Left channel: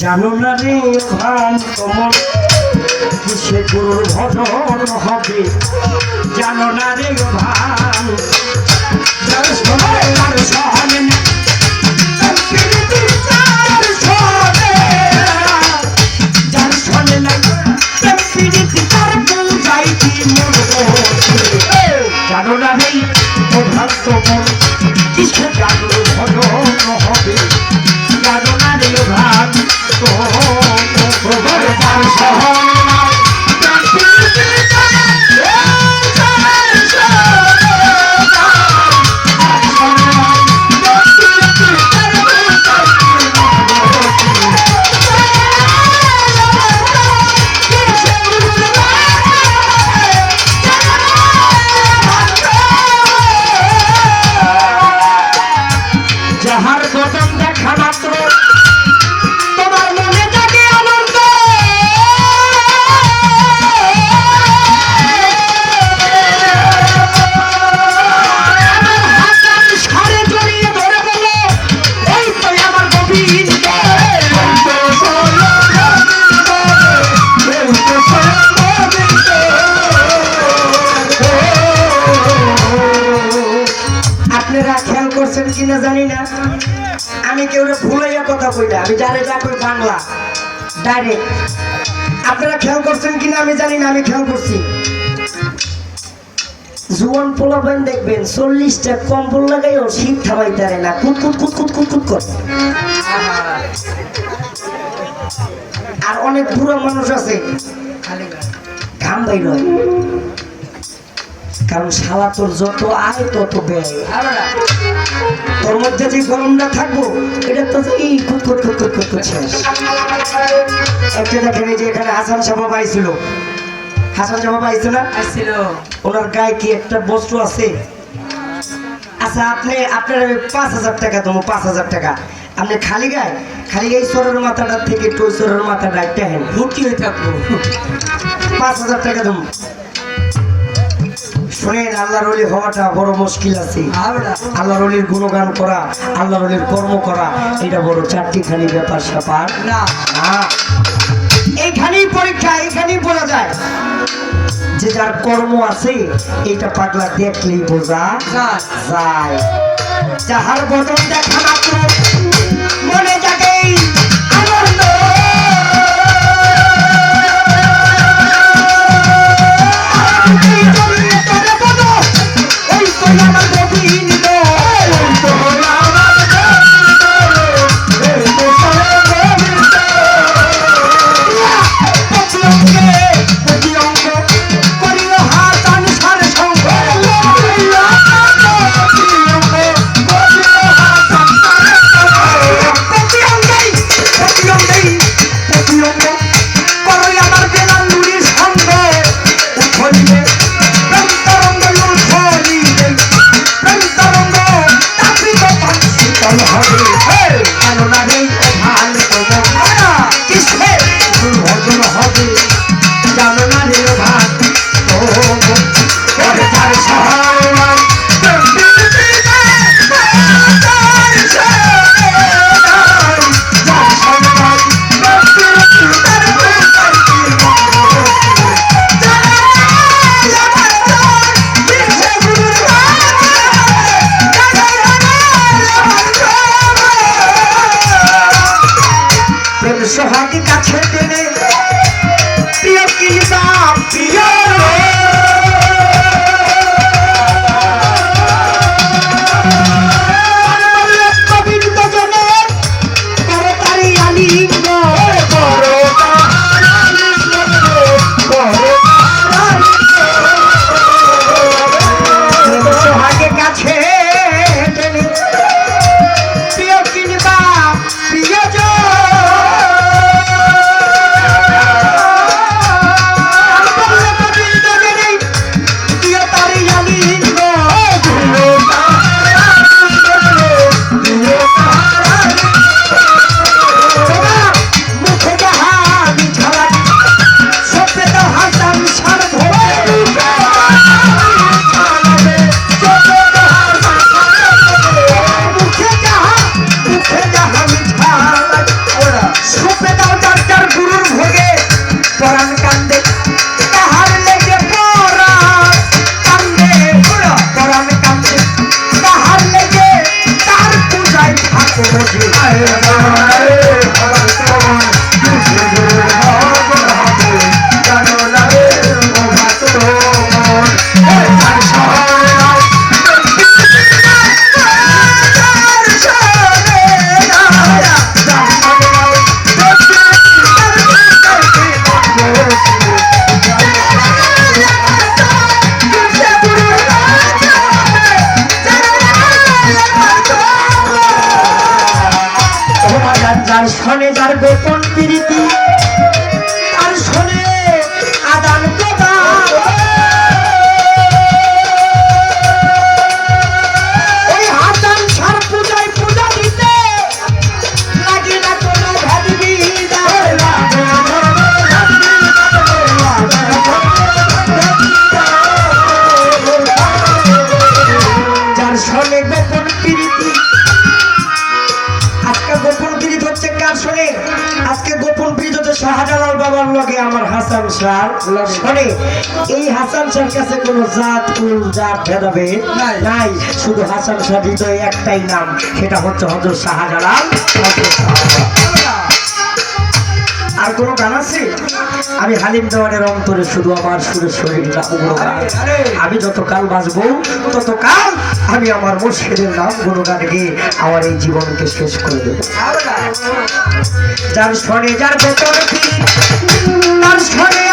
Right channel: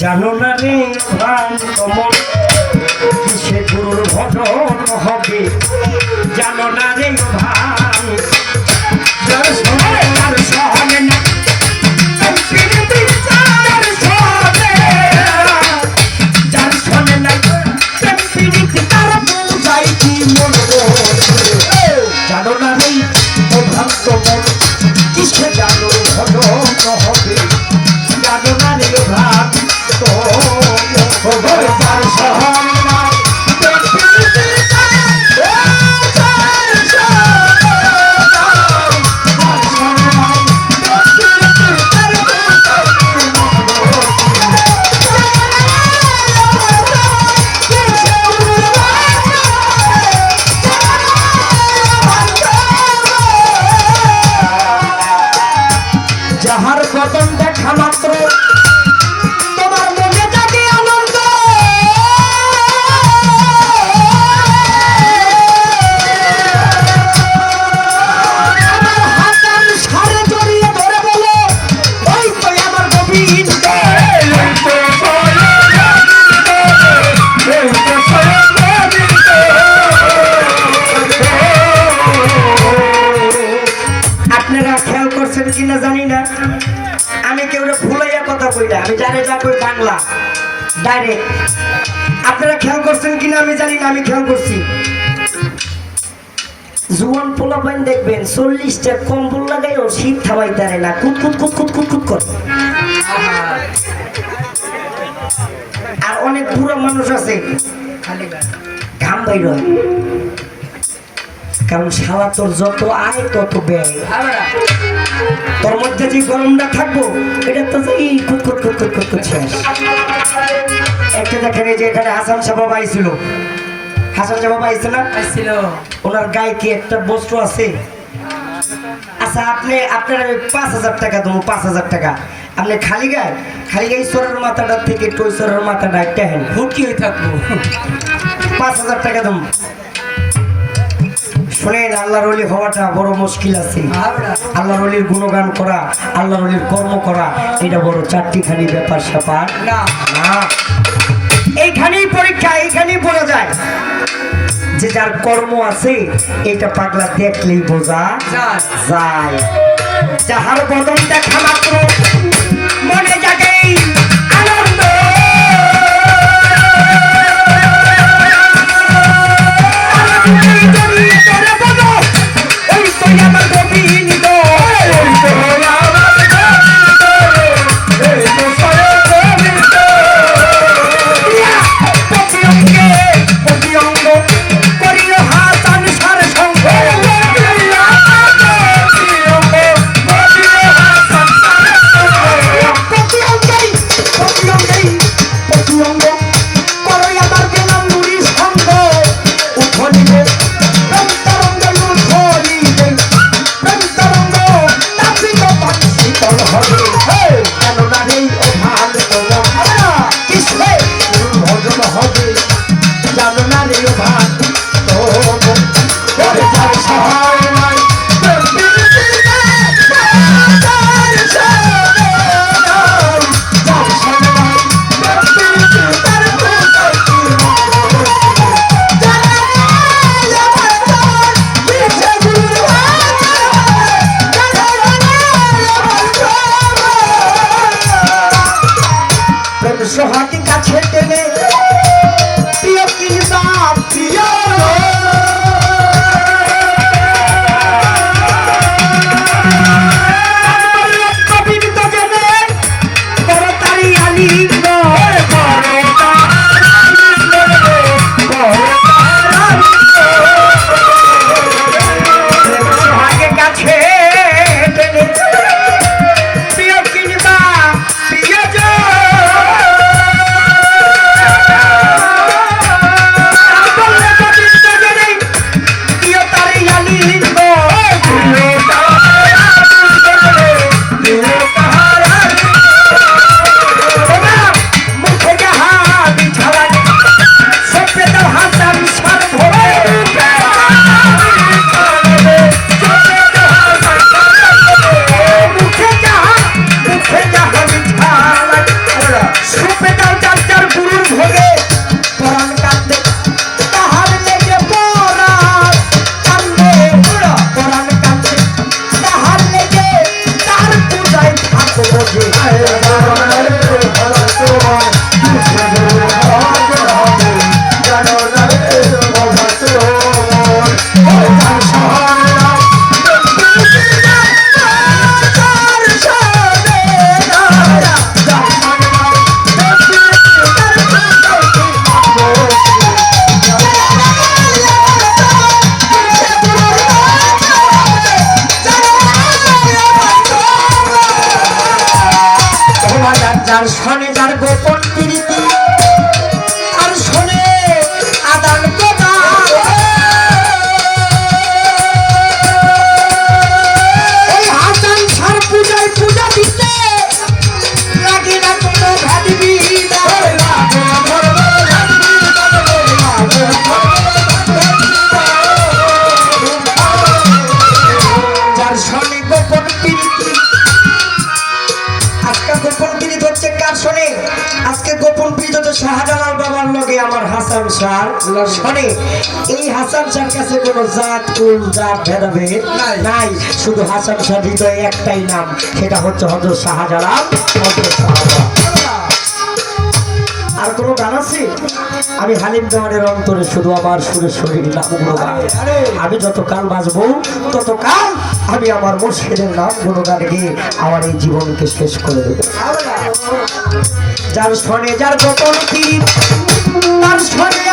জানো না রে ভান কমল কিসে দুর্ঘটন হবে জানো না রে ভান যার শোনে তার শোনে না যার শোনে না তার বোঝাই কি মরবো জানো না রে ভান কমল কিসে দুর্ঘটন হবে জানো না রে ভান যাহার কদম দেখা মাত্র তোমার মনে জাগে আনন্দ আমার হাত সারে জড়িয়ে ধরে বলে এই তো আমার গোবিন্দ আপনারা খেয়াল করছেন কিনা জানি না আমি কেউ ভুলাইয়া কথা কই না আমি জানি যা কই বাংলা ডাইরেক্ট আপনারা খেয়াল করছেন কিনা আমি জানি না আমি খেয়াল করছি জুয়ান পোলাপান দেখবেন 40টা কম্বল লাগাইও শীত থামাইতে পারে না কুট কুট কুট কুট কুট কুট করে আর অনেক বুড়ো মানুষ আছে ঘাম বাইর হয় কারণ শালা তোর যত আয় তত ব্যয় তোর মধ্যে যে গরমটা থাকবো এটা তো এই শেষ একটা দেখেন যে এখানে হাসান সাহেব আইছিল হাসান সাহেব আইছিল না আসছিল ওনার গায়ে কি একটা বস্তু আছে আচ্ছা আপনি আপনার 5,000 টাকা দেবো 5,000 টাকা আপনি খালি গায়ে ঈশ্বরের মাথাটা থেকে একটু ঈশ্বরের মাথাটা একটা হেন ভর্তি হয়ে থাকবো 5,000 টাকা দেবো শোনেন আল্লাহর ওলি হওয়াটা বড় মুশকিল আছে আল্লাহর ওলির গুণগান করা আল্লাহর ওলির কর্ম করা এটা বড় চারটিখানি ব্যাপার স্যাপার না না এইখানেই পরীক্ষা এইখানেই পড়া যায় যে যার কর্ম আছে এটা পাগলা দেখলেই বোঝা যায় যাহার বদন দেখা মাত্র মনে জাগেই আনন্দ আমার গোবিন্দ সোহাগী কাছে টেনে প্রিয় কিংবা প্রিয় গোবিন্দ জনে তাড়াতাড়ি আলিঙ্গ সোহাগী কাছে টেনে প্রিয় কিংবা প্রিয় আর শোনে যার গোপন প্রীতি আর শোনে আদান প্রদান ওই হাসান সার পূজায় পূজা দিতে লাগে না কোনো যার শোনে গোপন প্রীতি আজকে গোপন প্রীত হচ্ছে কার শোনে আজকে গোপন প্রীত হচ্ছে শাহজালাল বাবার লগে আমার হাসান শাহ শোনে এই হাসান শাহর কাছে কোনো জাত কুল জাত ভেদাভেদ নাই শুধু হাসান শাহ হৃদয়ে একটাই নাম সেটা হচ্ছে হযরত শাহজালাল আর কোনো গান আছে আমি হালিম দেওয়ানের অন্তরে শুধু আমার সুরে শরীর আমি যতকাল বাঁচবো ততকাল আমি আমার মুর্শিদের নাম গুণগান গিয়ে আমার এই জীবনকে শেষ করে দেবো যার শোনে যার গোপন পীর তার শোনে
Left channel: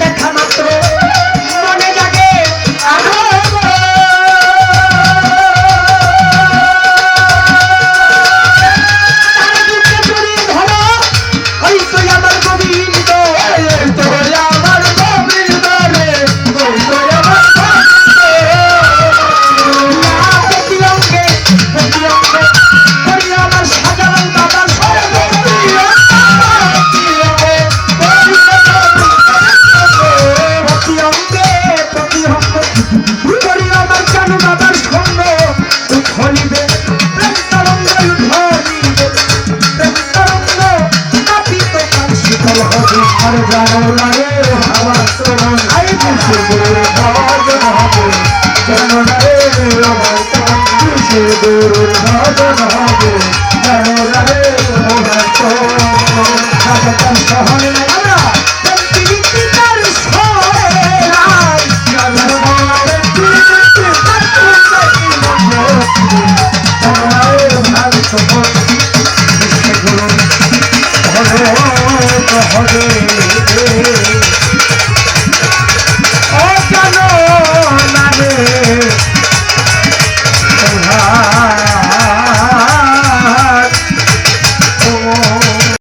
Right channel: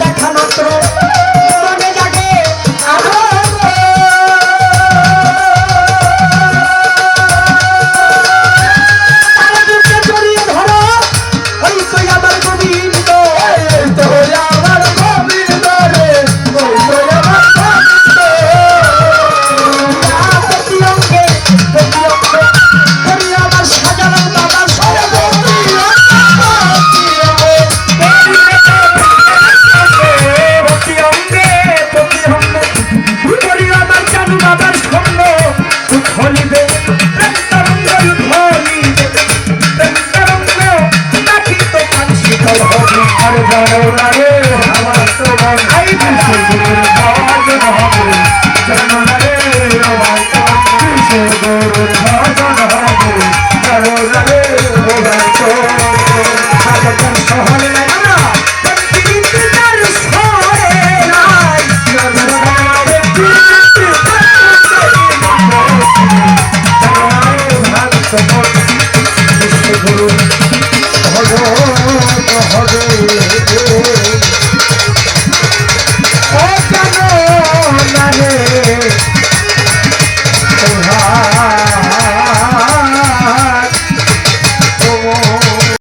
দেখা মাত্র মনে জাগে জড়িয়ে ধরো ওই তো আমার গোবিন্দ আমার গোবিন্দ রে আমার সাধারণ বাবা হবে